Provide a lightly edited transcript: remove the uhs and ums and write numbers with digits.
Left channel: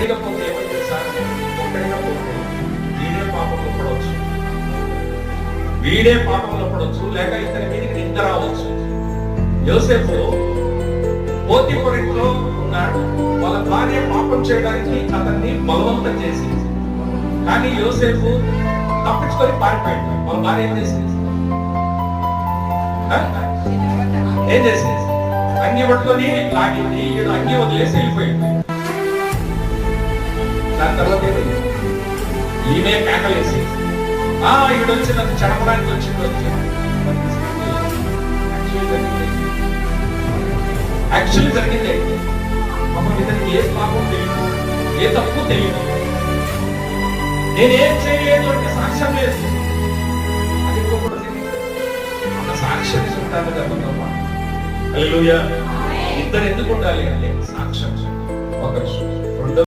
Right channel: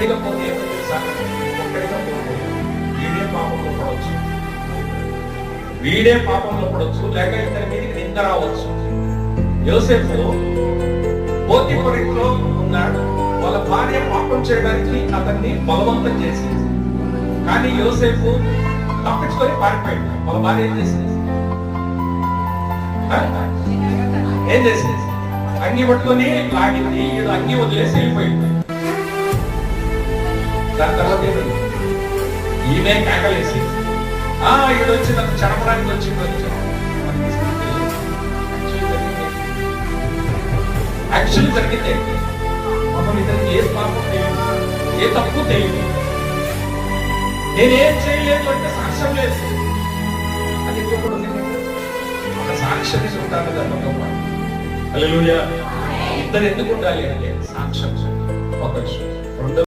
ఒక్కడిగా పోతే ఏమైంది సార్? ఒక్కడిగా పోతే వీడే పాపంలో పడవచ్చు, లేక ఇతని మీదకి నింద రావచ్చు. యోసేపు పోతీఫరు ఇంట్లో ఉన్నాడు. వాళ్ళ భార్య పాపం చేయడానికి అతన్ని బలవంతం చేసింది. కానీ యోసేపు తప్పించుకొని పారిపోయాడు. వాళ్ళ భార్య ఏం చేసింది? అంగి పట్టుకొని లాగింది. ఈడు అంగి వదిలేసి వెళ్ళిపోయింది. దాని తర్వాత ఏమైంది? ఈమె కేకలేసి ఈడు వచ్చి నన్ను చెరపడానికి వచ్చింది. యాక్చువల్లీ జరిగింది పాపం ఇతనికి ఏ పాపం తెలియదు, ఏ తప్పు తెలియదు. నేనేం చేయలేదు అంటే సాక్ష్యం లేదు. అది ఇవ్వకూడదు. ఒక సాక్ష్యం ఉంటాను కదా. హల్లెలూయా. ఇద్దరు ఎందుకు ఉండాలి అంటే సాక్ష్యం. ఒక విషయం